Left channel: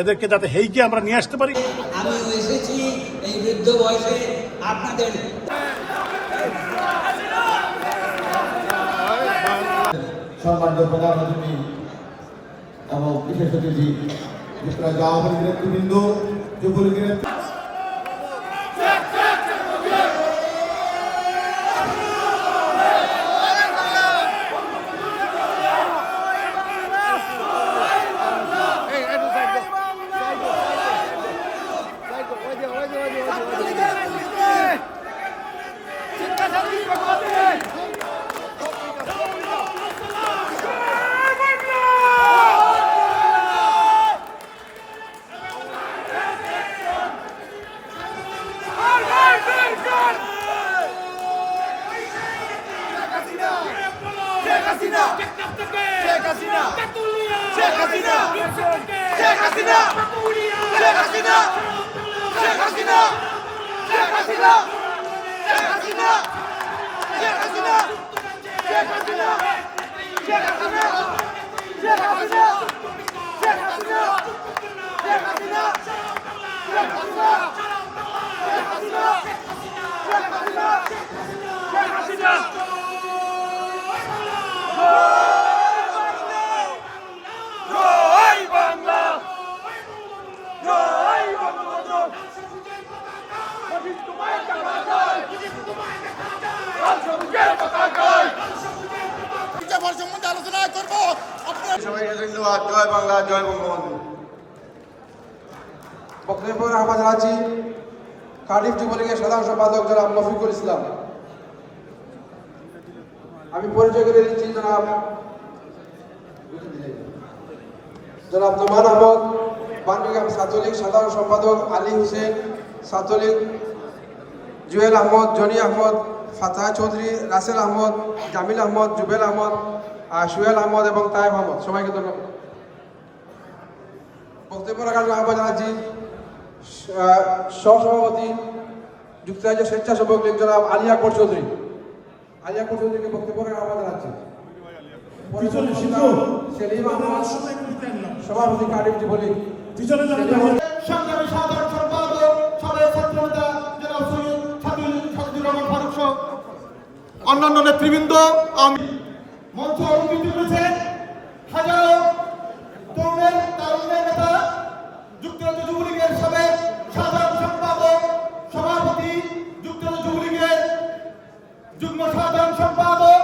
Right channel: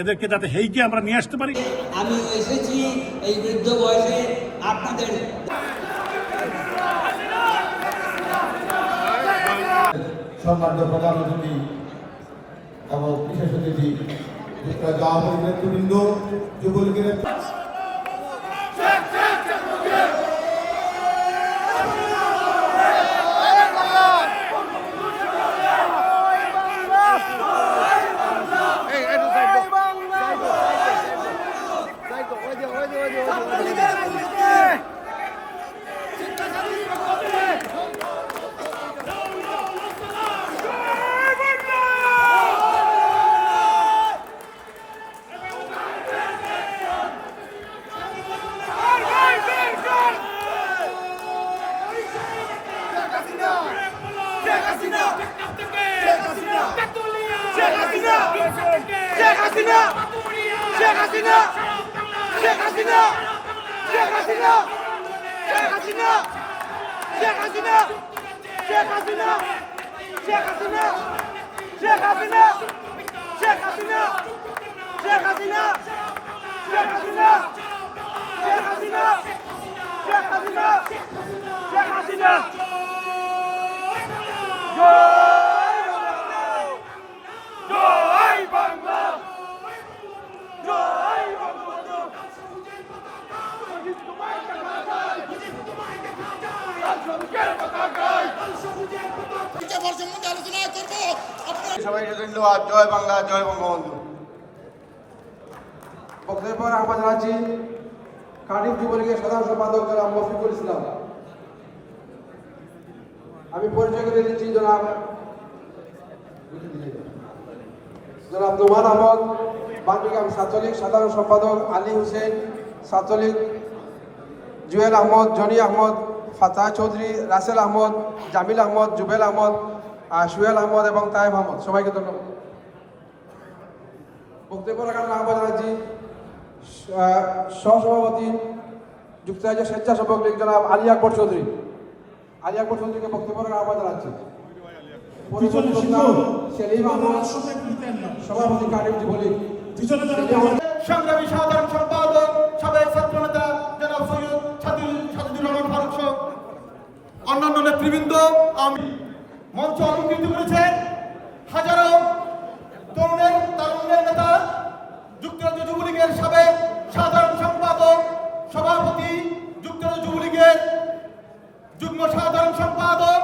এদেরকে যাতে হেইকে আমরা নিয়ে আসতে পারি। আমি এসেছি এই বৃদ্ধ বয়সে আপনাদের সম্মানিত প্রধানমন্ত্রী এবং বিশেষ অতিথি আওয়ামী লীগের নেতৃবৃন্দ, যুবলীগের জয় বাংলা, জয় বঙ্গবন্ধু। বক্তব্য আহ্বান জানাচ্ছি কার্ডিফ যুবলীগের সাধারণ সম্পাদক জনাব রফিকুল ইসলাম। আমি পরিচয় করে দিচ্ছি জনাব নোমান আহমদ, বাংলাদেশ ছাত্রলীগ সাধারণ সম্পাদক আলী হোসেন, ছাত্রলীগ জুয়েল আহমদ, জনি আহমদ, ফাতাহ চৌধুরী, রাসেল আহমদ, জামিল আহমদ, জুবেল আহমদ, সুয়েল আহমদ এবং তায়েব আহমদ। সবাইকে ধন্যবাদ। বক্তব্য রাখার আহ্বান জানাচ্ছি সহসভাপতি যুক্তরাজ্য স্বেচ্ছাসেবক লীগ জনাব আলী আকবর চৌধুরী। আলী আকবর চৌধুরীকে বক্তব্য রাখার আহ্বান জানাচ্ছি। সেলিম আহমদ, সভাপতি কার্ডিফ যুবলীগ। সংগ্রামী সাধারণ সম্পাদক সাবেক ছাত্রনেতা জনাব সৈয়দ সাজিদুর রহমান ফারুক সহ অন্যান্য নেতৃবৃন্দ মঞ্চ অলঙ্কৃত করেছেন। হাজারো তারুণ্যের নেতা, যুক্তরাজ্য যুবলীগের সাবেক সাধারণ সম্পাদক, সভাপতি, যুক্তরাজ্য যুবলীগের যুগ্ম সাধারণ সম্পাদক,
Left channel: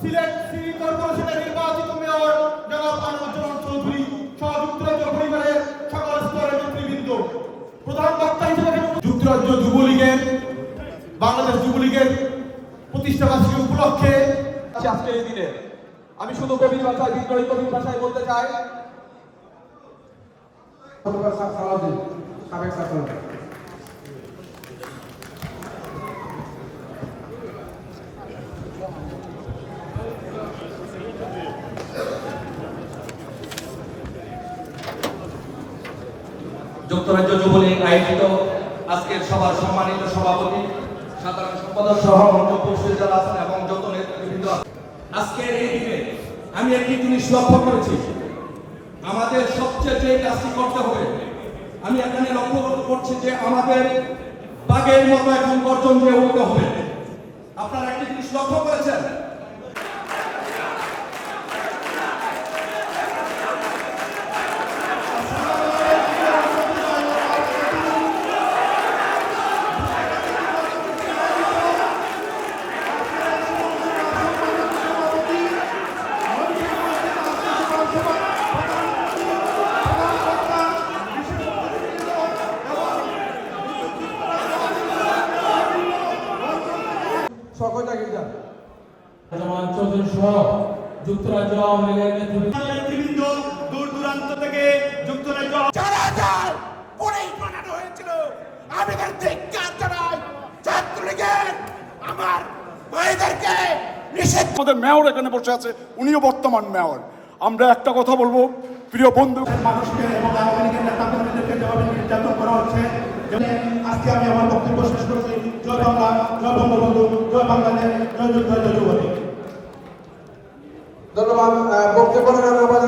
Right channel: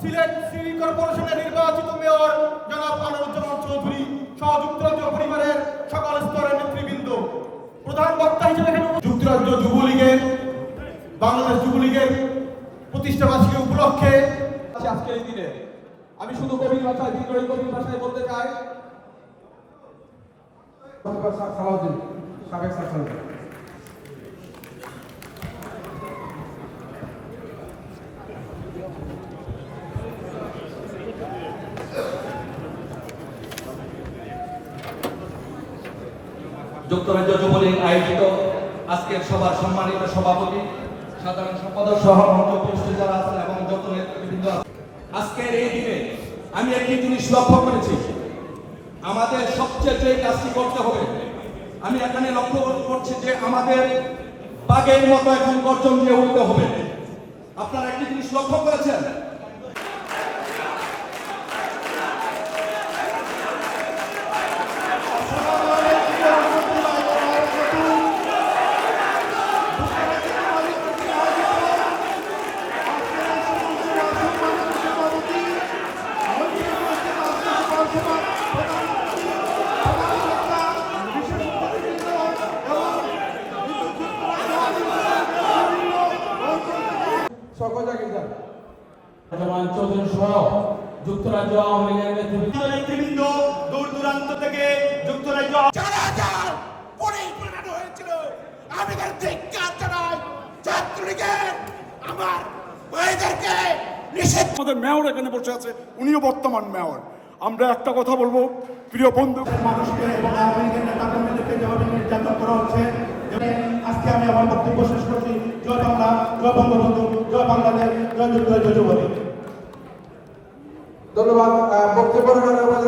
সিলেট সিটি কর্পোরেশনের নির্বাচিত মেয়র জনাব আনোয়ারুজ্জামান চৌধুরী সহ যুক্তরাজ্য পরিবারের সকল স্তরের নেতৃবৃন্দ, প্রধান বক্তা হিসেবে যুক্তরাজ্য যুবলীগের বাংলাদেশ যুবলীগের প্রতিষ্ঠা বার্ষিকী উপলক্ষে আজকে এই দিনে আমি শুধু কবির ভাষায় বিদ্রোহী কবির ভাষায় বলতে চাই। সাবেক ছাত্র যুক্তরাজ্য যুবলীগ আয়োজিত আজকের সভার সম্মানিত সভাপতি, সাধারণ সম্পাদক সহ অন্য উপস্থিত যারা আছেন এবং যত নেতৃবৃন্দ, আজকের এই দিনে আমি একটি জিনিস লক্ষ্য করেছি, আমাদের সবচেয়ে যে কাজটি করতে হবে, আমি এখানে লক্ষ্য করছি যে আমাদের বাঘের মতো এখন গর্জন দিয়ে উঠতে হবে। আপনারা একটি জিনিস লক্ষ্য করেছেন, যুক্তরাজ্য আওয়ামী লীগের নেতৃবৃন্দ দূর দূরান্ত থেকে যুক্তরাজ্য যারা যায় পরেই বানানো হয়েছিল। আমি তার ধিক্কার জানাই ছাত্রলীগের আমার ভাইদেরকে নিষেধ। আমাদের মেয়র এখানে বসে আছে, উনিও বর্তমান মেয়র। আমরা একটা কথা বলবো, প্রিয় বন্ধু, মানুষকে এবং আওয়ামী লীগের নেতাকর্মীদেরকে যেভাবে নির্যাতন করা হচ্ছে, আজকে আমি আমার বক্তব্য শেষ করছি। জয় বাংলা, জয় বঙ্গবন্ধু, জয় বাংলাদেশ, জয় যুক্তরাজ্য যুবলীগ। ধন্যবাদ। বক্তব্য রাখার আহ্বান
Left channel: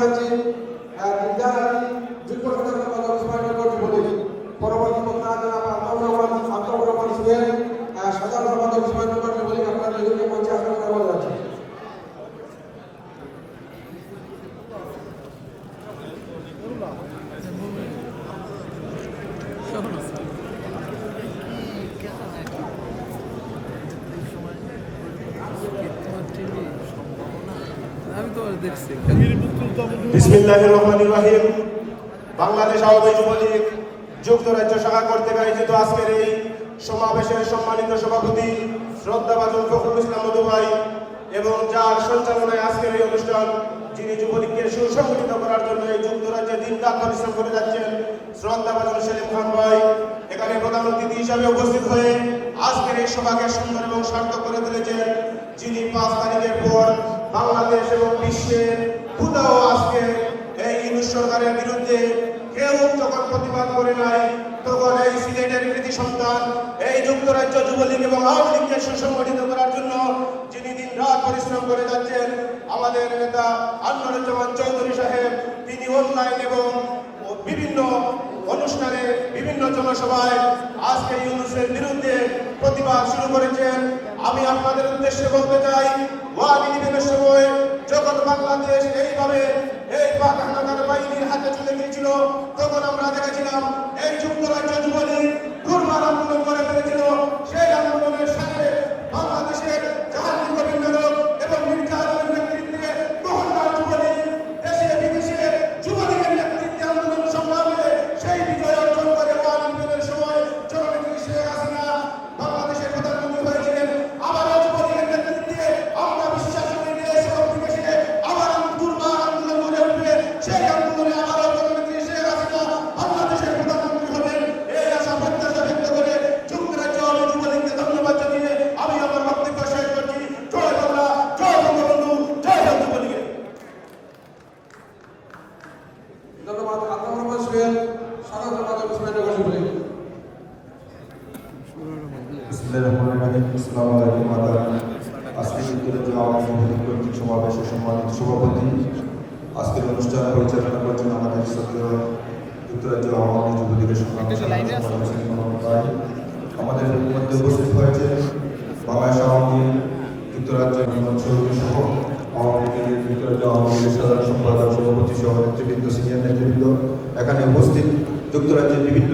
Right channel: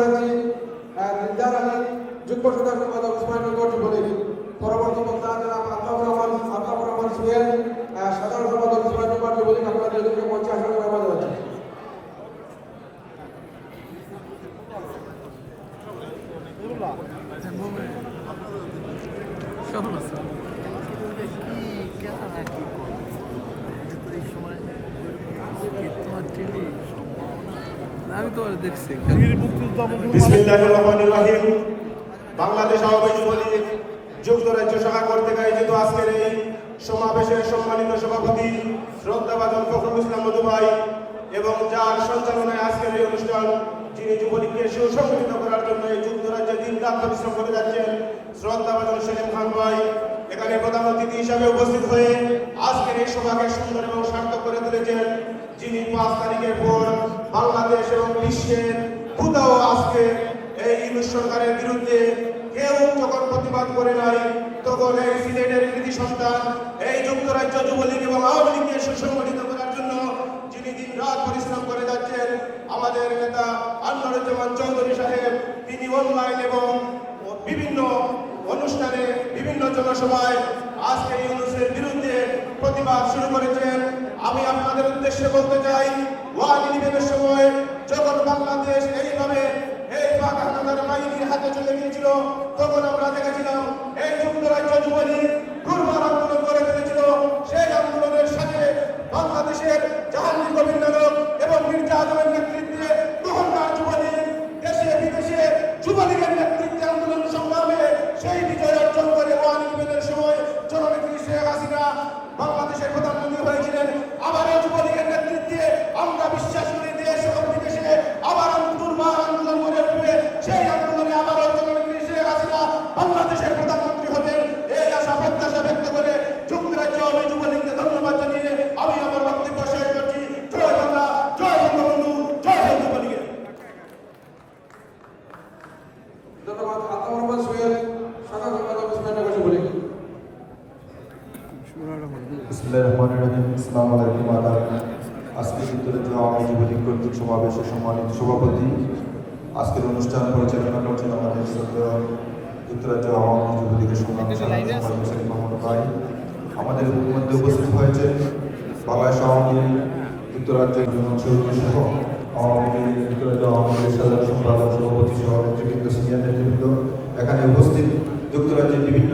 জানাচ্ছি যুগ্ম সাধারণ সম্পাদক আমি তো দেখছি বিসমিল্লাহির রহমানির রহিম। বাংলাদেশ আওয়ামী যুবলীগ যুক্তরাজ্য শাখা কর্তৃক আয়োজিত আজকের এই সমাবেশের সম্মানিত সভাপতি শ্রদ্ধাভাজন ফখরুল ইসলাম মধু ভাই এবং যার সঞ্চালনায় আজকের এই অনুষ্ঠান, যিনি যুবলীগকে সুসংগঠিত করার জন্য এই যুক্তরাজ্যে দিনরাত পরিশ্রম করে যাচ্ছেন, শ্রদ্ধাভাজন সেলিম খান ভাই এখানে প্রধান অতিথি হিসেবে উপস্থিত হয়ে আজকের এই সভাকে সুন্দর এবং সার্থক করে তুলেছেন, যিনি 5 তারিখের পর বাংলাদেশ এবং বিশ্বে কোথাও আজকে এই ইউনূস সরকারের বিরুদ্ধে কেউ যখন প্রতিবাদ করে নাই, তখন এই সিলেটের কৃতি সন্তান এই যুক্তরাজ্য যুবলীগ এবং আওয়ামী লীগকে সুসংগঠিত করার জন্য যিনি দিন রাত পরিশ্রম করে যাচ্ছেন, আমাদের নেতা আনোয়ারুজ্জামান চৌধুরী সাহেব, তিনি অনলাইন এবং বিভিন্ন অনুষ্ঠানে বিভিন্ন জনসভায় আজকে ইউনূসের বিরুদ্ধে প্রতিবাদ শুরু করেছেন। আমি আপনাদের উদ্দেশ্যে বলতে চাই, মহানির্বাচনের সময় যখন বাংলাদেশ এইভাবে এই পাক হানাদার বাহিনীর হাতে চলে গিয়েছিল, তখন আমরা দেখেছিলাম এই যুক্তরাজ্য যুবলীগ দুর্বার আন্দোলন করে ফেলেছিল। সেই আন্দোলনের সাথে বাংলাদেশের জাহাঙ্গীর কবির নগর এবং মির্জা আলমের নেতৃত্বে গ্রহণকার যুবলীগ দেশে বিদেশে যুবলীগের নেতৃত্বে আন্দোলন সংগ্রামে সেই বিজয় অর্জন করে মহানির্বাচনের সময় জননেত্রী শেখ হাসিনা বাংলাদেশের প্রধানমন্ত্রী হয়েছিলেন। আবার যুবলীগের নেতৃত্বে আমরা বিশ্বাস করি দেশ এবং বিদেশে আবার দুর্বার আন্দোলন গড়ে উঠবে। সেই আন্দোলনে আবার জননেত্রী শেখ হাসিনা বাংলাদেশের প্রধানমন্ত্রী হবেন। এই আশা প্রত্যাশা ব্যক্ত করে যুক্তরাজ্য যুবলীগকে ধন্যবাদ জানিয়ে আমি আমার বক্তব্য শেষ করছি। জয় বাংলা, জয় বঙ্গবন্ধু, জয় যুবলীগের। ধন্যবাদ। আব্দুল রহমান সোহেল, সাধারণ সম্পাদক সুরেন্দ্রনগর যুবলীগ। বিসমিল্লাহিররহমানিররহিম। আসসালামু আলাইকুম আদাব। আজকে যুক্তরাজ্য আওয়ামী যুবলীগ কর্তৃক সমাবেশের সম্মানিত সভাপতি, আজকের অনুষ্ঠান পরিচালনা করছেন আমাদের শ্রদ্ধেয় যুক্তরাজ্য আওয়ামী যুবলীগের সম্মানিত সভাপতি মোহাম্মদ ভাই। আমাদের মধ্যে উপস্থিত হয়েছেন বাংলাদেশ আওয়ামী লীগ যুক্তরাজ্য সভাপতি সহ আওয়ামী লীগ যুক্তরাজ্য আওয়ামী লীগের সাধারণ সম্পাদক সভাপতি সহ নেতৃবৃন্দ, সিনিয়র নেতৃবৃন্দ, এখানে উপস্থিত যুক্তরাজ্যের বিভিন্ন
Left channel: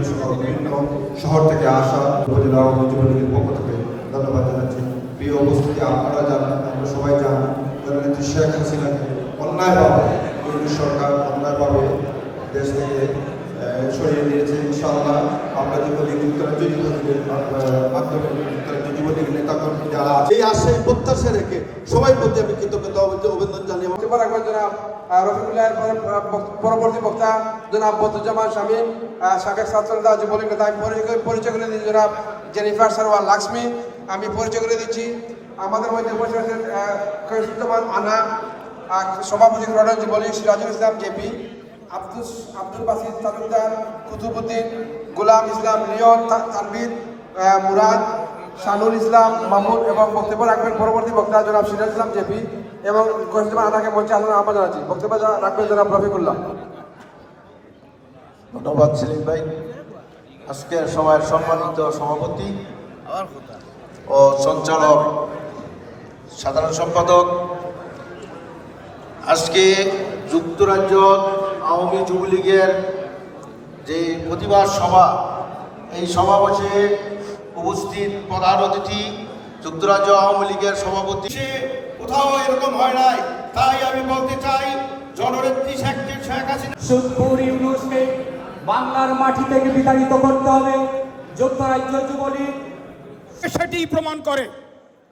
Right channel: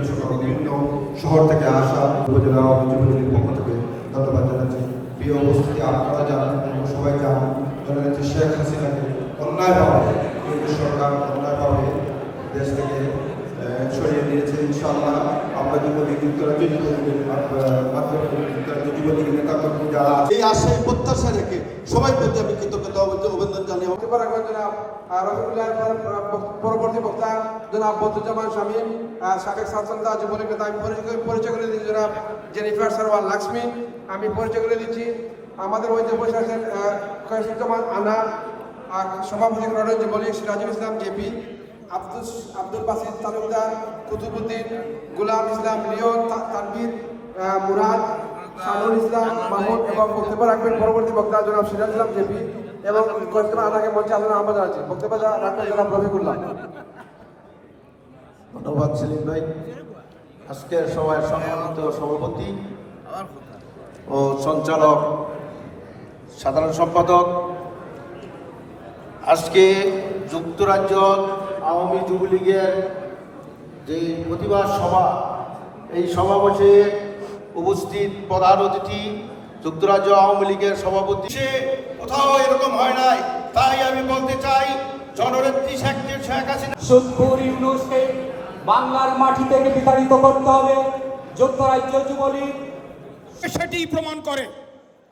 শহর থেকে আসা উপজেলা আওয়ামী যুবলীগের পক্ষ থেকে ধন্যবাদ জানাচ্ছি। প্রিয় উপস্থিতি, আপনারা জানেন, আমরা সবাই জানেন, জননেত্রী শেখ হাসিনাকে অন্যায়ভাবে কেন্দ্রীয় সরকার অন্যায়ভাবে দেশ থেকে সরিয়ে দিয়েছে। ইনশাআল্লাহ আমরা যুবলীগ যুক্তরাজ্য যুবলীগ নেতাকর্মী যারা এই আশে প্রত্যাশা রেখে সবাই প্রতি আমি কৃতজ্ঞতা অভিনন্দন জানিয়ে বক্তব্য রাখবেন জনাব রফিকুল্লাহ। পরবর্তী বক্তা জনাব বদরুজ্জামান শামীম, সাবেক ছাত্রনেতা যুবলীগ নেতা। আমি পরিচয় করে দিচ্ছি জনাব জেনিফার সারওয়ার লাক্সমি। আমি পরিচয় করে দিচ্ছি। আমাদের মধ্যে বসে আছেন খয়রুজ্জামান আনা, সভাপতি ক্রডন যুবলীগ, সিরাজুল ইসলাম জেপি, আব্দুল বাসিদ তালুকদার, কুতুবুদ্দিন, গোলাম ইসলাম লিয়ন, তানভীর, মুরাদ, শানুল ইসলাম মাহমুদ। এবং বক্তব্য রাখবেন পরবর্তী বক্তা জনাব সিরাজ ইসলাম জেপি এবং খয়রুজ্জামান আনাকে মঞ্চে আলোচনা আহ্বান জানাচ্ছি। বক্তব্য রাখবেন জনাব রফিকুল্লাহ। ধন্যবাদ সেলিম ভাই। আজকের সভার সম্মানিত সভাপতি ও সঞ্চালক, সাধারণ সম্পাদক, আজকে যুক্তরাজ্য আওয়ামী যুবলীগের যে প্রতিবাদ সভা, এই সমাবেশে উপস্থিত প্রধান অতিথি যুক্তরাজ্য আওয়ামী লীগের সভাপতি। সে কোথাও এরকম হয় নাই, তাই আমি বলতে চাই জননেত্রী শেখ হাসিনা সুদপুর ইউনূসকে বাংলার মাটি থেকে বিতাড়িত করতে হবে। যুক্তরাজ্য যুবলীগ সেটি প্রমাণ করে।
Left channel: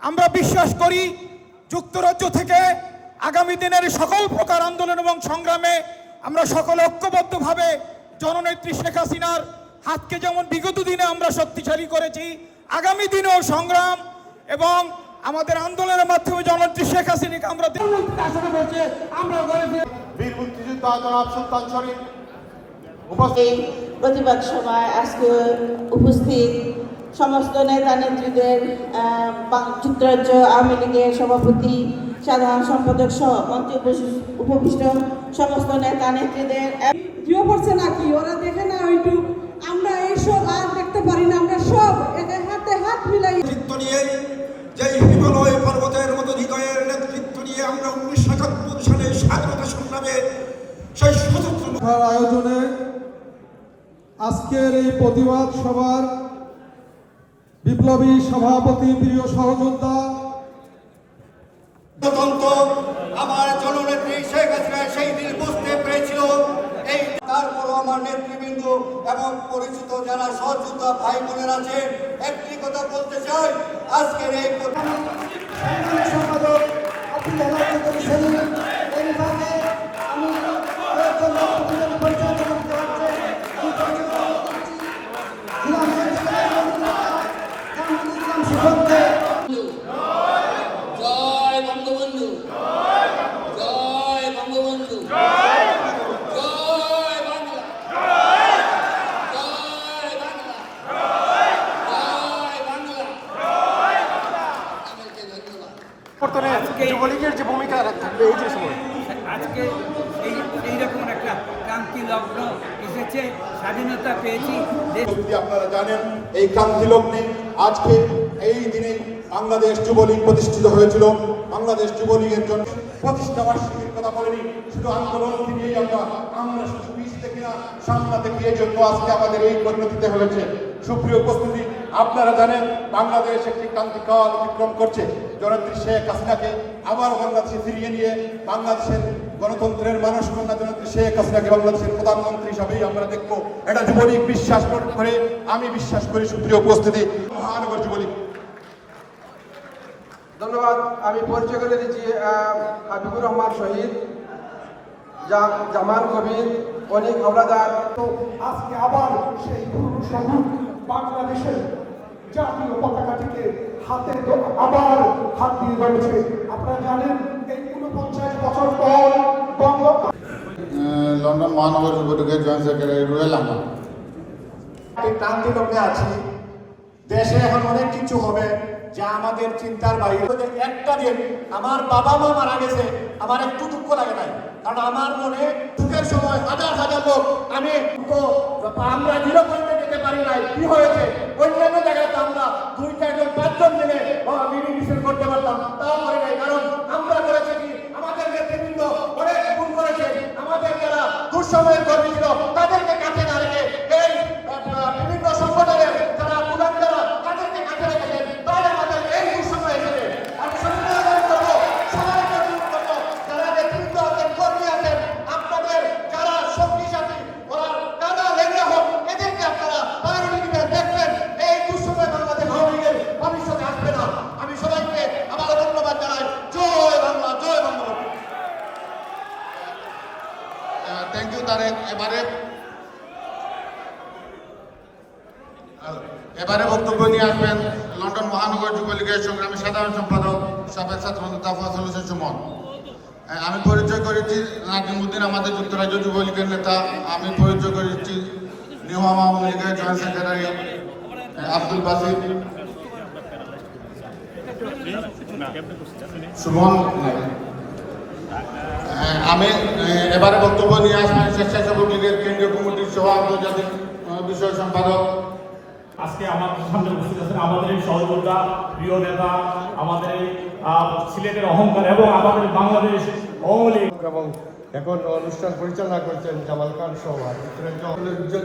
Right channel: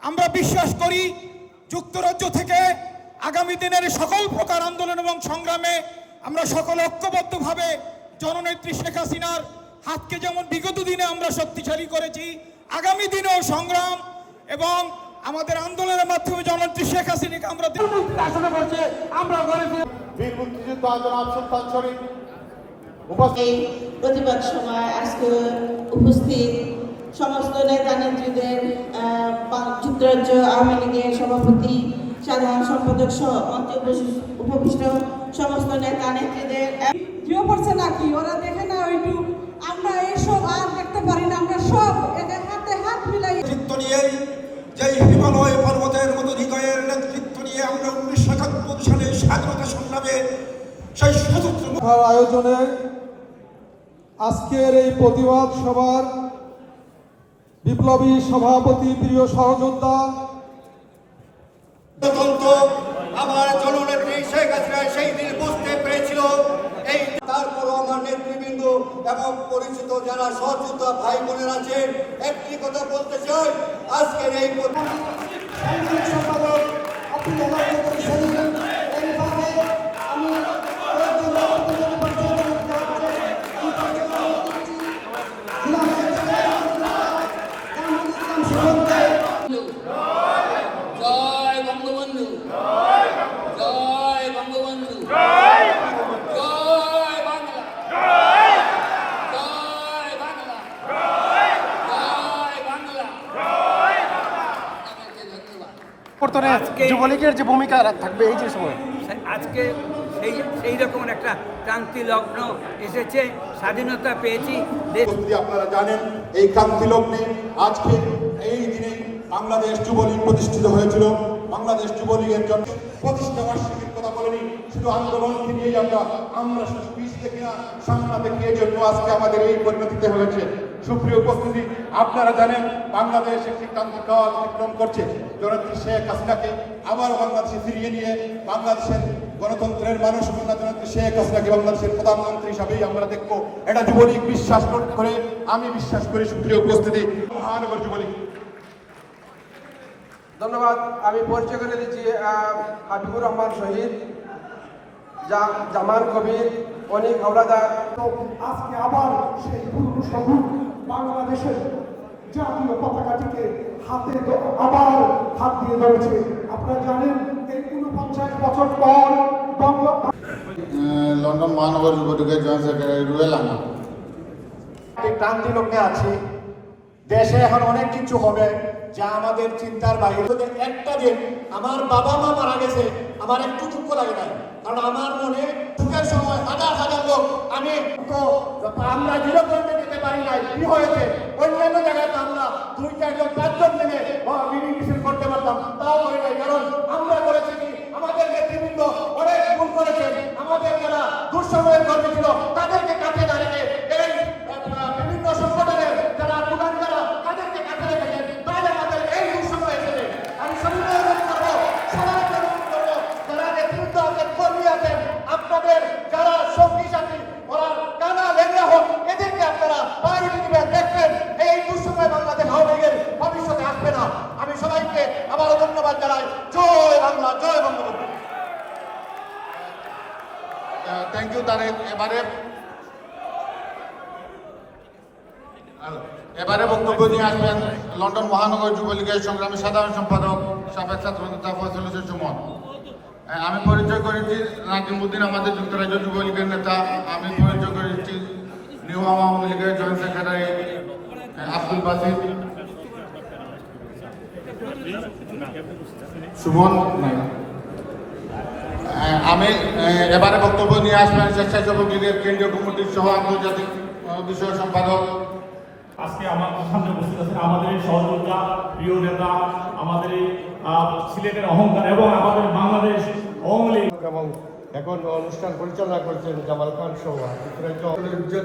আমরা বিশ্বাস করি যুক্তরাজ্য থেকে আগামী দিনের সকল প্রকার আন্দোলন এবং সংগ্রামে আমরা সকলে ঐক্যবদ্ধভাবে জননেত্রী শেখ হাসিনার হাতকে যেমন বিগত দিনে আমরা শক্তিশালী করেছি, আগামী দিনেও সংগ্রাম এবং আমাদের আন্দোলনের মাধ্যমে জননেত্রী শেখ হাসিনাকে আমরা এই প্রতিবাদ সভায় আজকে উপস্থিত সমস্ত নেতা নেত্রীদের, যুক্তরাজ্য আওয়ামী লীগের সভাপতি, সাধারণ সম্পাদক সহ মঞ্চে উপবিষ্ট সমস্ত নেতা নেত্রীদের। জিও পড়ছে নাকি ওরা দেখে না ওইটু, আমরা এইসব আর দেখতে পারি না। আমরা সব হাতে হাত মিলাই নেতৃত্ব নিয়ে, যে হিমালয় পর্বতের মতো হৃদয়ের নেতৃত্ব নিয়ে আমরা 1971 সালে স্বাধীনতা সংগ্রামে সেই সশস্ত্র আয়োজনে আজকের এই প্রতিবাদ সভার বিপ্লবী সভাপতি, প্রিয় সহযোদ্ধা গণতন্ত্র আমার জননেত্রী শেখ হাসিনা সেই দিন বুঝতে পেরেছিল। এই তারপরও আমার নেতৃবৃন্দ এবং পরিচিত যারা সহযোদ্ধা ভাই বোনেরা আছেন, একটি কথা বলতে চাই, আজকের এই জয় বঙ্গবন্ধু, জয় বঙ্গবন্ধু, জয় বাংলা, জয় বাংলা, জয় বাংলা। আমাকে ধন্যবাদ। আজকে যুবলীগের যে ভূমিকা থাকবে এই যে সময় আজকে সেই রকম একটা ক্রান্তি লগ্ন এসেছে, স্বাধীনতা পেয়েছি। যদি আপনারা জানেন এই ক্রান্তি লগ্নে আজকে এই দিনে বাংলাদেশ যুবলীগ প্রতিষ্ঠিত হয়েছিল। বাংলাদেশ যুবলীগের জন্য প্রতিষ্ঠা বার্ষিকীর কথা বলেনি, শুধু আন্দোলন থেকেই আমরা শুধু পিছ থেকে না, সামনা থেকে এই জন্য আজকে আমাদের এই পরিণতিতে হয়েছে। সুপ্রিয় উপস্থিতি, আপনারা জানেন বাংলাদেশ একটি ক্রান্তিকাল অতিক্রম করছে। জননেত্রী শেখ হাসিনাকে আবার বাংলাদেশে ফিরিয়ে নিয়ে বাংলাদেশের গণতন্ত্রের মানুষ জননেত্রী শেখ হাসিনাকে বাংলাদেশের প্রধানমন্ত্রী হিসাবেই আমরা দেখবো। এটা যুবলীগ বিশ্বাস করে, আমি বিশ্বাস করি। সুপ্রিয় উপস্থিতি, মহানগর যুবলীগ। ধন্যবাদ। আমি পরিচয় করে দিচ্ছি হাবিবুর রহমান শহীদ, জামান কবির, অনিক হাওলাদার। আজকে আবার সেই সবুজ বাংলাদেশের জাতীয় পতাকাটিকে হাতে আবার হাত দিয়ে ধরেছে। আপনারা জানেন এই 49 বছর পর লন্ডন মহানগর যুবলীগের জয়েন্ট সেক্রেটারি রুয়েল আহমদ। ক্রান্তি লগ্নে আছি। দেশে এখন অনেক কিছু হবে যা আমাদের চিন্তার বাইরে। একটা দিন আমার বাবা মা মারা গেছে, আমার একটু দুঃখ লাগে না, কারণ আমার মনে দুঃখের সময় হাজার হাজার লোক আমি তো আমরা নিরন্তর দিতে পারি নাই। কি হয়েছে অন্যান্য জায়গায় আমরা 2-4 জন 5 জন মিলে মিছিল করতে পারতাম, তাও হয় নাই। কারণ আমরা করেছি কি, আমাদের নেতৃবৃন্দ অনেক ভুল করেছে। আমাদের যারা দুঃসময়ের কর্মী ছিল তাদেরকে কাছে না রেখে এই বিভিন্ন সংগঠনের যারা প্রধানরা তাদেরকে কাছে রেখেছেন, তাই আমাদের এই দুঃসময়ে এসেছে। আমি সন্দেহ করবো যারা নেতৃবৃন্দ আমাদের কর্মী আছেন, আপনাদের যারা সঙ্গী সাথী ওরা কাদা লেগে হোক, এদেরকে আপনারা পারিবারিক দেখবেন। এই দুঃসময়ে বাংলাদেশ আওয়ামী লীগের ভবিষ্যতে আসবে না। আমি সবাইকে আবার ধন্যবাদ জানাই। জয় বাংলা, জয় বঙ্গবন্ধু। Thank you Tarek. এবারে বক্তব্য নিয়ে আসবেন লন্ডন মহানগর যুবলীগের সংগ্রামী সাধারণ সম্পাদক সাবেক ছাত্রনেতা ফয়সাল হোসেন সুমন। আমি পরিচয় করেছি নাজিমুদ্দিন, আমাদের যুক্তরাজ্য যুবলীগের নেতা। আমি পরিচয় করেছি নিউ আওয়ামী লীগের জয়েন্ট সেক্রেটারি আব্দুল বাসির সুমন। আমি এবারে বক্তব্য নিয়ে আসবেন স্বেচ্ছাসেবক লীগের কেন্দ্রীয় কমিটির সহ আন্তর্জাতিক বিষয় সম্পাদক। আজকে আমাদের সামনে উপস্থিত আছেন আমাদের এই সহযোদ্ধা, প্রিয় নেতা, আমাদের এই সিলেটের অহংকার এবং আমাদের বাংলাদেশ আওয়ামী লীগ এবং এখন অনুষ্ঠান পরিচালনা করছেন জামাল খান সহ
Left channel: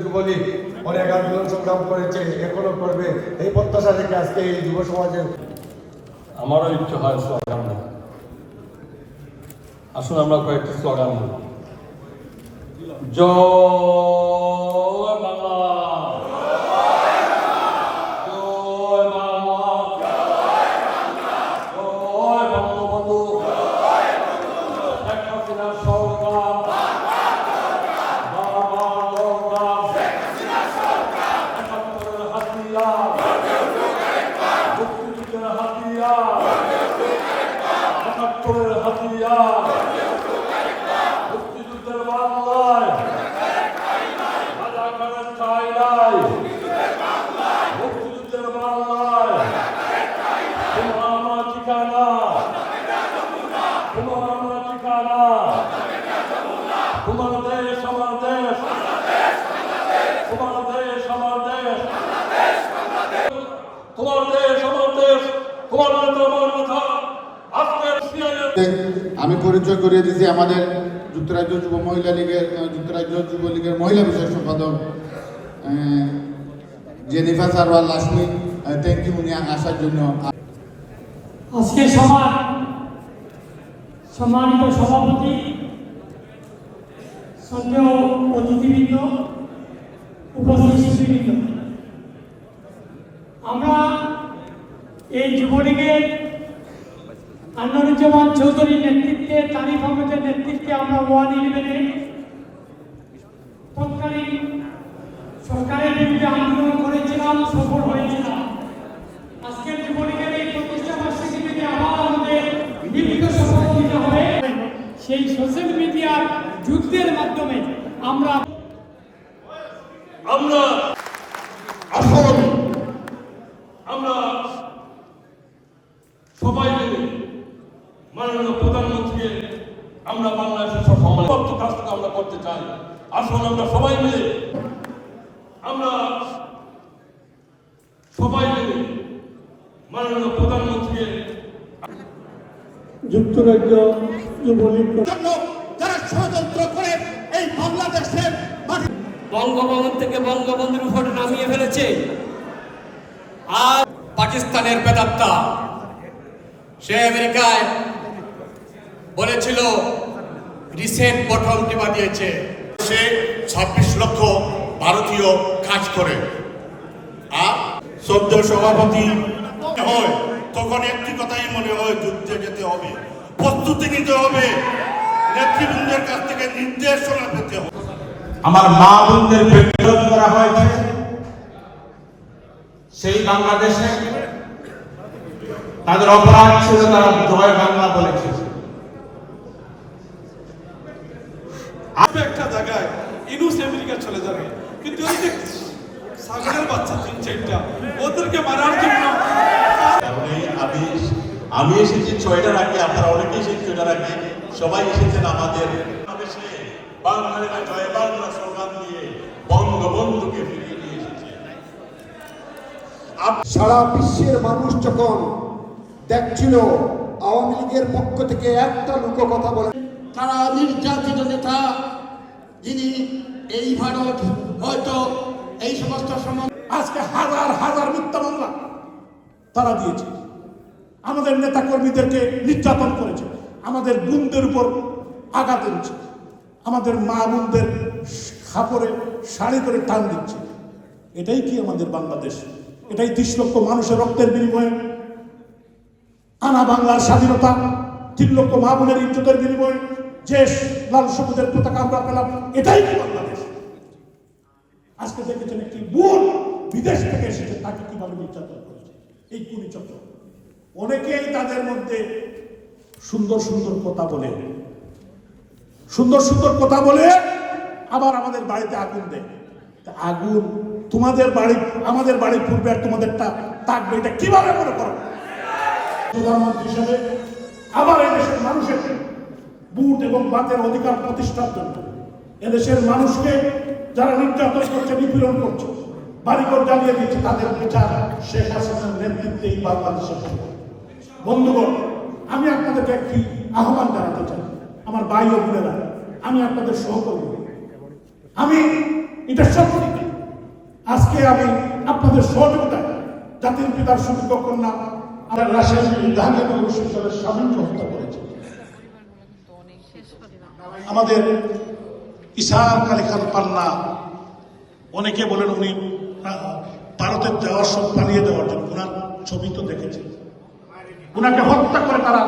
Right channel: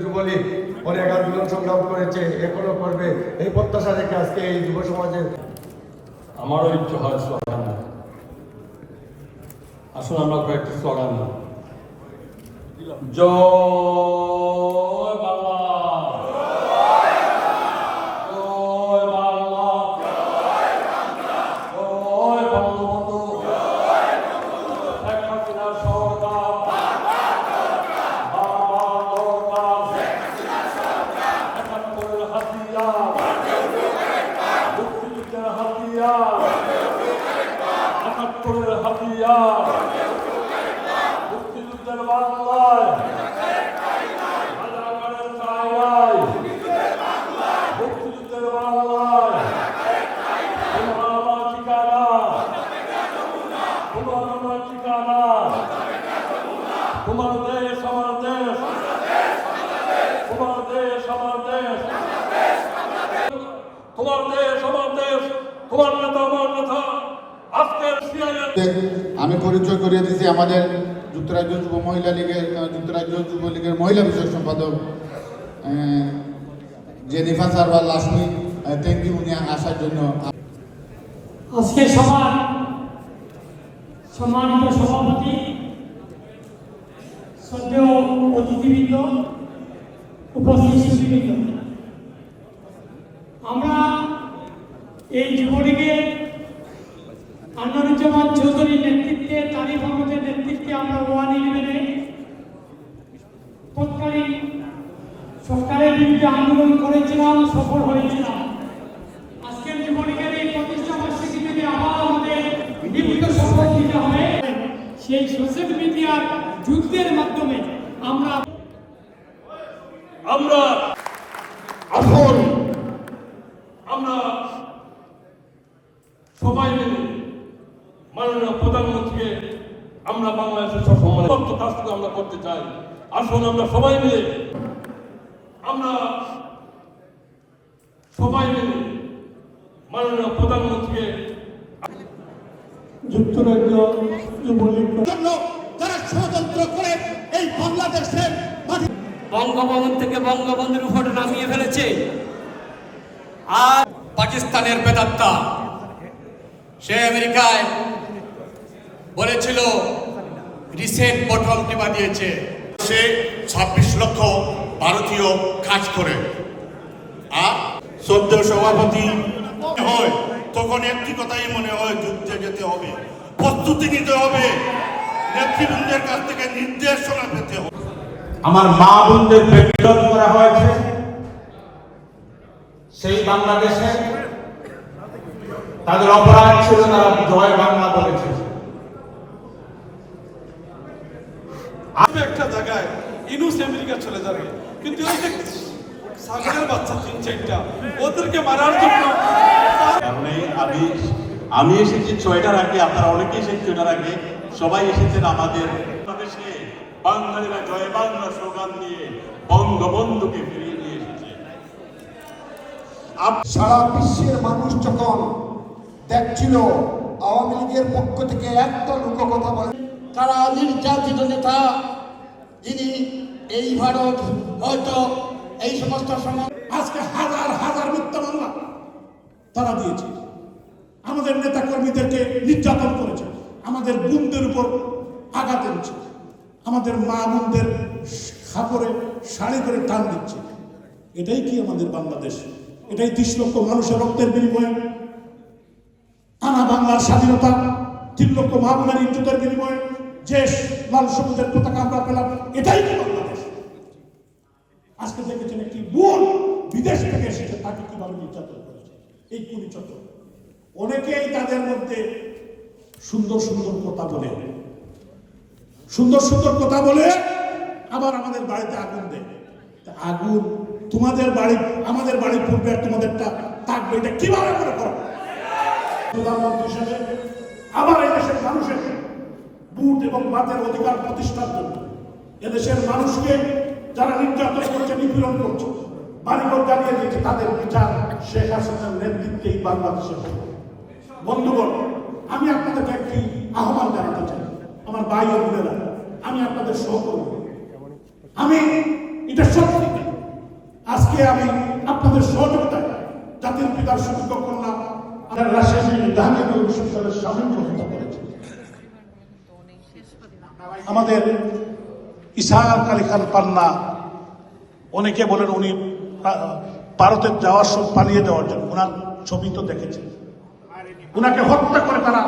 যুবলীগ অনেক আন্দোলন সংগ্রাম করেছে, এখনো করবে, এই প্রত্যাশা রেখে আজকে এই যুব সমাজের আমারও ইচ্ছে হয় স্লোগান। আসুন আমরা কয়েকটি স্লোগান দিই। জয় বাংলা, জয় বাংলা, জয় বঙ্গবন্ধু, শেখ হাসিনা সরকার, মুক্তিযুদ্ধের হাতিয়ার, মুক্তিযুদ্ধের বাংলায়, রাজাকারের ঠাই নাই, মুক্তিযুদ্ধের বাংলায়, তোমার আমার ঠিকানা, তোমার আমার ঠিকানা, তোমার দেশ আমার দেশ, তোমার দেশ আমার দেশ, তোমার দেশ আমার দেশ, তোমার নেতা আমার নেতা। আমি পরিচয় করিয়ে দিচ্ছি আমাদের যুক্তরাজ্য যুব মহিলা লীগের যুক্তরাজ্য যুবলীগের মহিলা বিষয় সম্পাদক জেনিফার সারওয়ার লাসমি থ্যাংক ইউ উনি আসার জন্য। আজকে সভার সম্মানিত সভাপতি, শ্রদ্ধেয় অতিথিবৃন্দ, উপস্থিত শিল্পীবৃন্দ, আমরা এই যুবলীগের আনোয়ারুজ্জামান চৌধুরীর নেতৃত্বে, তারিফ আহমেদের নেতৃত্বে আমরা 111 তৎকালীন সরকারের বিরুদ্ধে আন্দোলন করেছিলাম, সফল হয়েছিলাম। আজকের যুবলীগের এই প্রতিষ্ঠা বার্ষিকী থেকে আবার আমাদের বিভিন্ন সফল দিতে হবে। সেই সোশ্যাল মিডিয়ার যুদ্ধের মাধ্যমে আমরা আসুন আমরা সবাই মিলে মাননীয় প্রধানমন্ত্রীকে আমরা বাংলাদেশের সমস্ত কাজটুকু আমরা করতে চাই। আসুন আমরা সবাই মিলে মাননীয় প্রধানমন্ত্রীকে যুক্তরাজ্য যুবলীগ জন্য যারা ষড়যন্ত্র করে এই বাংলাদেশের মাটি বঙ্গভবন থেকে বঙ্গবন্ধুর উপর নামিয়ে ফেলেছে। আর পাকিস্তানের বেদাত্তা সে আমেরিকায় বলেছিল রিসেট বটন টিপা দিয়েছে। সে 26 লক্ষ ভারতীয় কাজ করে। আর সদ্য সভাপতি হয় তখন একটি কথাই মনে হয়, যুদ্ধে যেতে হবে, প্রস্তুতি নিতে হবে, নেতৃবৃন্দের কাছ থেকে নির্দেশনা পেতে হবে। আমার মা বোনদের বিরোধ করা হয়েছে সেই বাংলাদেশে, তাদের অপরাধ ছিল তারা জয় বাংলা বলেছে। একটা জায়গায় ইনুস আমেরিকা চলে যাবে, কিন্তু এই যে ছাগলের বাচ্চা 3-4টা ওদেরকে মারার জন্য আমি এসেছি 6টার আগে, আপনারা অনেকে এসেছেন 6টার আগে, সবাই এসেছেন আমাদের বাংলাদেশে বাঙালিরা জয় বাংলা স্লোগান দিয়ে বঙ্গবন্ধুকে ফিরিয়ে নিয়ে এসেছে। সারা বিশ্বের মানুষ যখন দেখছিল আওয়ামী লীগের পক্ষ থেকে একটা লোক কথা বলে, তারা নির্যাতিত নেতা যিনি এই ভারত হয়তো এই সমস্ত সমাজ আজকে হাজার হাজার মিথ্যা মামলা তারা দিয়েছে, আমাদের নেতা কর্মীদেরকে নির্যাতন করেছে, আমাদের বোনদের উপর আঘাত এনেছে, আমাদের মা বোনদের খাপড়ে শাড়ি করে টান দিচ্ছে। এটাই কি আমাদের বাংলাদেশ? এটাই 30 লক্ষ মানুষের রক্তের বিনিময়ে আনা বাংলার স্বাধীনতা, 3 লক্ষ মা বোনের ইজ্জতের বিনিময়ে যে লাল সবুজের পতাকা আমরা পেলাম, এটাই কি বাংলাদেশ? আজকে দেখেছেন একটি বোন বিদেশ থেকে এসেছে, তাকে কিভাবে নির্যাতন করেছে এই কুনিচক্র। অনেকেই তাদের মধ্যে সুন্দর সুন্দর কথা বলে, আবার আমাদের বাড়িতে আগুন দেয়। আগুন তোমাদের বাড়ি আমাদের বাড়ির পূর্বে আর তোমাদেরটা থাকবে, এটা কিভাবে মনে করো? প্রধানমন্ত্রী হিসাবে আবার এই দেশের মানুষের বুট এবং বাতের অধিকার প্রতিষ্ঠার জন্য এদেশের মানুষকে যারা নির্যাতন করছে, নিপীড়ন করছে, বাড়িঘর জ্বালিয়ে দিয়েছে, তাদের বিচার শেখ হাসিনার নেতৃত্বে এই বাংলাদেশের। বন্ধুগণ, আমি আপনাদেরকে একটি আহ্বান জানাতে চাই, আমার ভাই ও বোনেরা, আমি আপনাদের সহকর্মী, আমি এটা সত্যি আজকে আমি আপনাদের সহযোগিতায় জাতির পিতার সুযোগ্য কন্যা আমাদের ইসার আলী খান পান্না, অনেকে বলেন উনি ভারতের যাওয়ার সব পালিয়ে দেওয়ার জন্য, ওনার ছবি তো দেখেছেন, ওনাকে হত্যা করে তারা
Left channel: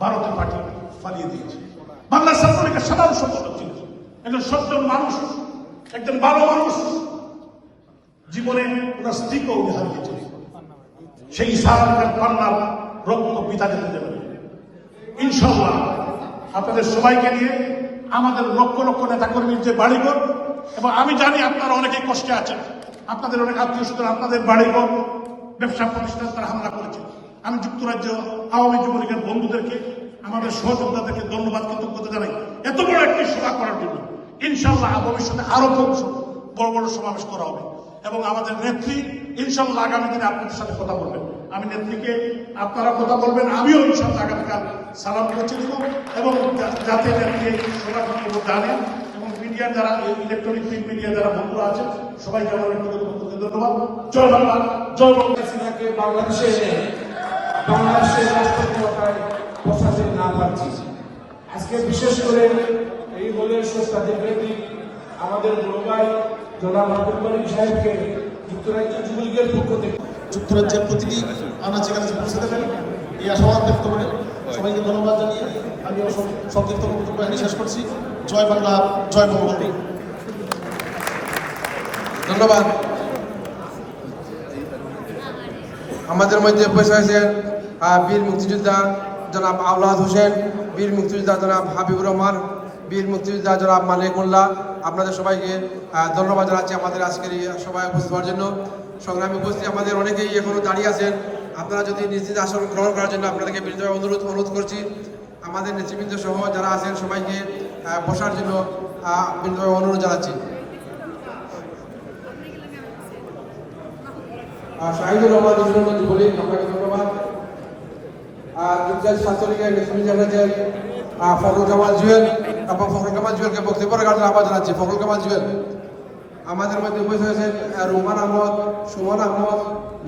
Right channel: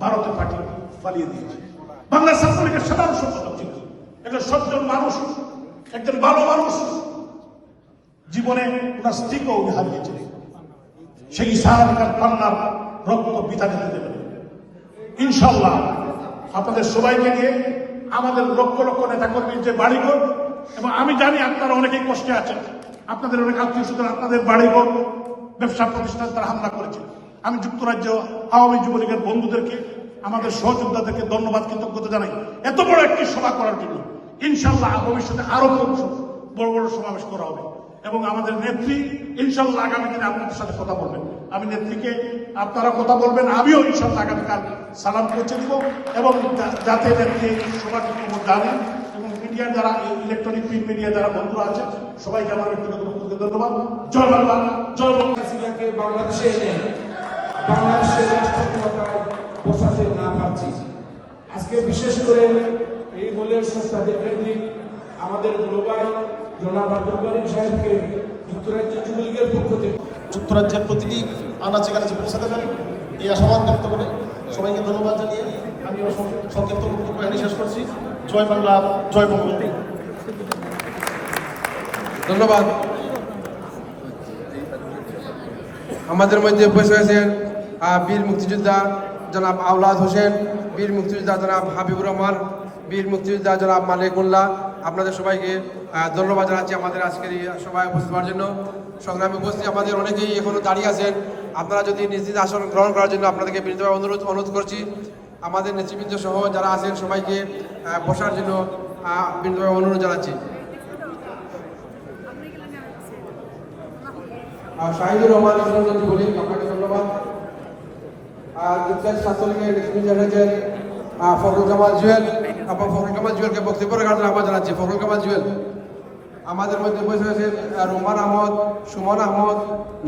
ভারতে পালিয়ে দিয়েছে। বাংলা ছাত্রলীগের সাধারণ সম্পাদক ছিলেন, একজন সজ্জন মানুষ, একজন ভালো মানুষ, জীবনে ওনার স্ত্রীকেও উনি হারিয়েছেন। সেই ইসার আলী খান পান্নার রক্ত পিতা যেতে দেবেন ইনশাল্লাহ। আপনাদের সবাইকে নিয়ে আমাদের লক্ষ লক্ষ নেতাকর্মীর যে বাড়িঘর, এবং আমি জানি আপনারা অনেকেই কষ্টে আছেন, আপনাদের অনেক আত্মীয় স্বজন আপনাদের বাড়িঘর ব্যবসা প্রতিষ্ঠান তারা হামলা করেছে। আমি যুক্তরাজ্য আওয়ামী যুবলীগের বন্ধুদেরকে, আমাদের সহযোগিতাদেরকে ধন্যবাদ কৃতজ্ঞতা জানাই এত বড় একটি সভা করার জন্য। ইনশাল্লাহ ভবিষ্যতে আরো বড় বড় সমাবেশ করা হবে, এবং আমাদের নেত্রী ইনশাল্লাহ আগামী দিনে আপনাদের সাথে কথা বলবেন। আমি নেত্রীকে, আপনারা কথা বলবেন, আমিও ইনশাল্লাহ আগামীকাল সালাম পৌঁছে দিব, এবং যাতে নেত্রী সবার খবর জানেন, এবং মিডিয়া যারা ইলেকট্রনিক মিডিয়া যারা বন্ধুরা আছেন সবাই জানাবেন। ধন্যবাদ। জয় বাংলা, জয় বাংলাকে বাংলাদেশে এনে বাংলাদেশের রাষ্ট্রীয়তায় বসাতে না পারছি। আজকে বিশেষ করে এই দলের সুস্বাদী ব্যক্তি আমাদের বড়ভাই জনাব আব্দুল করিম সাহেবকে যুক্তরাজ্য যুবলীগের পক্ষ থেকে যুক্তরাজ্যের প্রতিটি আনাচে কানাচে পৌঁছাতে পারি এই আশাবাদ ব্যক্ত করে সবাইকে ধন্যবাদ জানিয়ে আমি সংক্ষিপ্ত বক্তব্য শেষ করছি। জয় বাংলা, জয় বঙ্গবন্ধু। ধন্যবাদ। আমাদের মধ্যে উপস্থিত হয়েছেন বীর মুক্তিযোদ্ধা জনাব আওলাদ হোসেন, বীর মুক্তিযোদ্ধা জনাব হাবিবুর রহমান, বীর মুক্তিযোদ্ধা জনাব মালিকুল্লাহ। আপনাদের সবাইকে ধন্যবাদ জানাচ্ছি আমাদের আজকের এই সভায় উপস্থিত হওয়ার জন্য। সংগ্রামে উপস্থিত আমাদের অনেকেই এখনো দাঁড়িয়ে আছেন। আপনারা যদি নিজ নিজ আসন গ্রহণ করার জন্য আপনাদেরকে বিনীতভাবে অনুরোধ করছি। আমাদের নেতৃবৃন্দ সহ যারা আছেন সবাইকে বসার জন্য বিনীতভাবে অনুরোধ জানাচ্ছি। শাহিদুর রহমান বলে আপনাকে ধন্যবাদ। ফখরুল কামাল জুয়েল এবং ফখরুল কামাল জুয়েলকে বক্তব্য রাখার জন্য আহ্বান জানাচ্ছি। ফখরুল কামাল জুয়েল। আমাদের মধ্যে উপস্থিত হয়েছেন রোমান আহমদ, সুমন আহমদ,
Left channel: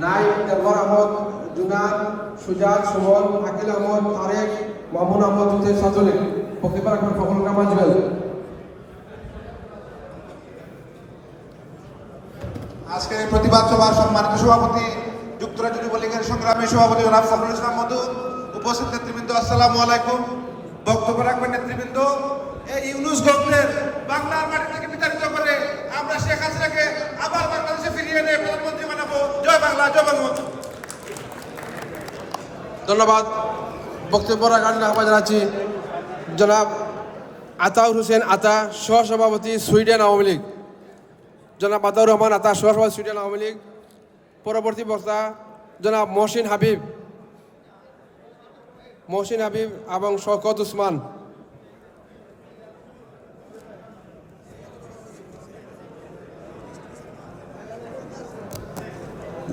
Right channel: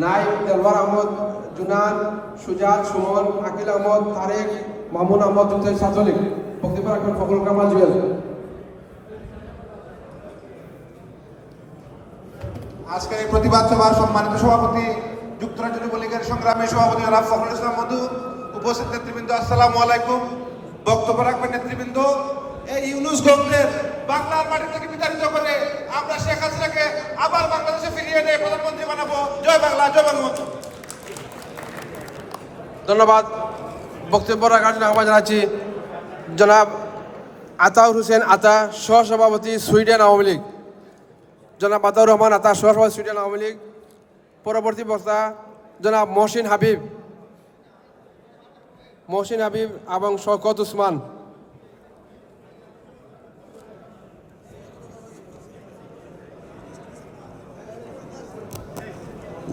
নাইক, তরওয়ার আহমদ, জুনান, সুজাত, সুমন, আকিল আহমদ, তারেক, মামুন আহমদ ছাত্রলীগ। বক্তব্য রাখবেন ফখরুল কামাল জুয়েল। আজকের এই প্রতিবাদ সভার সম্মানিত সভাপতি যুক্তরাজ্য যুবলীগের সংগ্রামী সভাপতি জনাব ফখরুল ইসলাম মধু, উপস্থিত নেতৃবৃন্দ আসসালামু আলাইকুম। বক্তব্য রাখবেন নেতৃবৃন্দ। এই ইউনূস গভর্নমেন্ট বাংলার মাটি থেকে বিতাড়িত করে আমরা শেখ হাসিনাকে আবার বাংলাদেশে ফিরিয়ে এনে প্রধানমন্ত্রী বানাবো। জয় বাংলা, জয় বঙ্গবন্ধু। ধন্যবাদ। বক্তব্য রাখার জন্য আহ্বান জানাচ্ছি জনাব আতাউর হোসেন আতা, সহসভাপতি সুইডেন আওয়ামী লীগ। জনাব আতাউর রহমান আতা, সহসভাপতি সুইডেন আওয়ামী লীগ। পরবর্তী বক্তা জনাব মহসিন হাবিব এবং শওকত উসমান।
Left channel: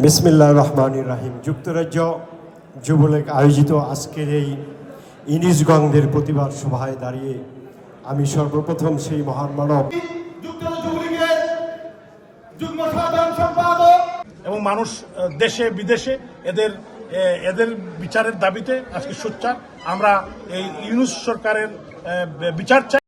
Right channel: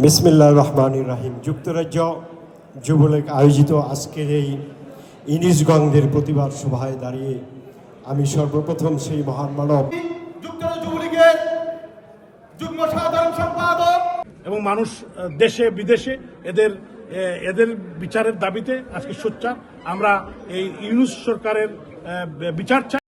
বিসমিল্লাহির রহমানির রহিম। যুক্তরাজ্য যুবলীগ আয়োজিত আজকের এই ইনিশগঞ্জের প্রতিবাদ সভায় দাঁড়িয়ে আমি সর্বপ্রথম সেই মহান মানব যুক্তরাজ্য যুবলীগের যুগ্ম সাধারণ সম্পাদক এবং মানুষ দেশে বিদেশে এদের বিচারের দাবিতে আজকে সোচ্চার। আমরা এই ইউনূস সরকারের বিচার চাই।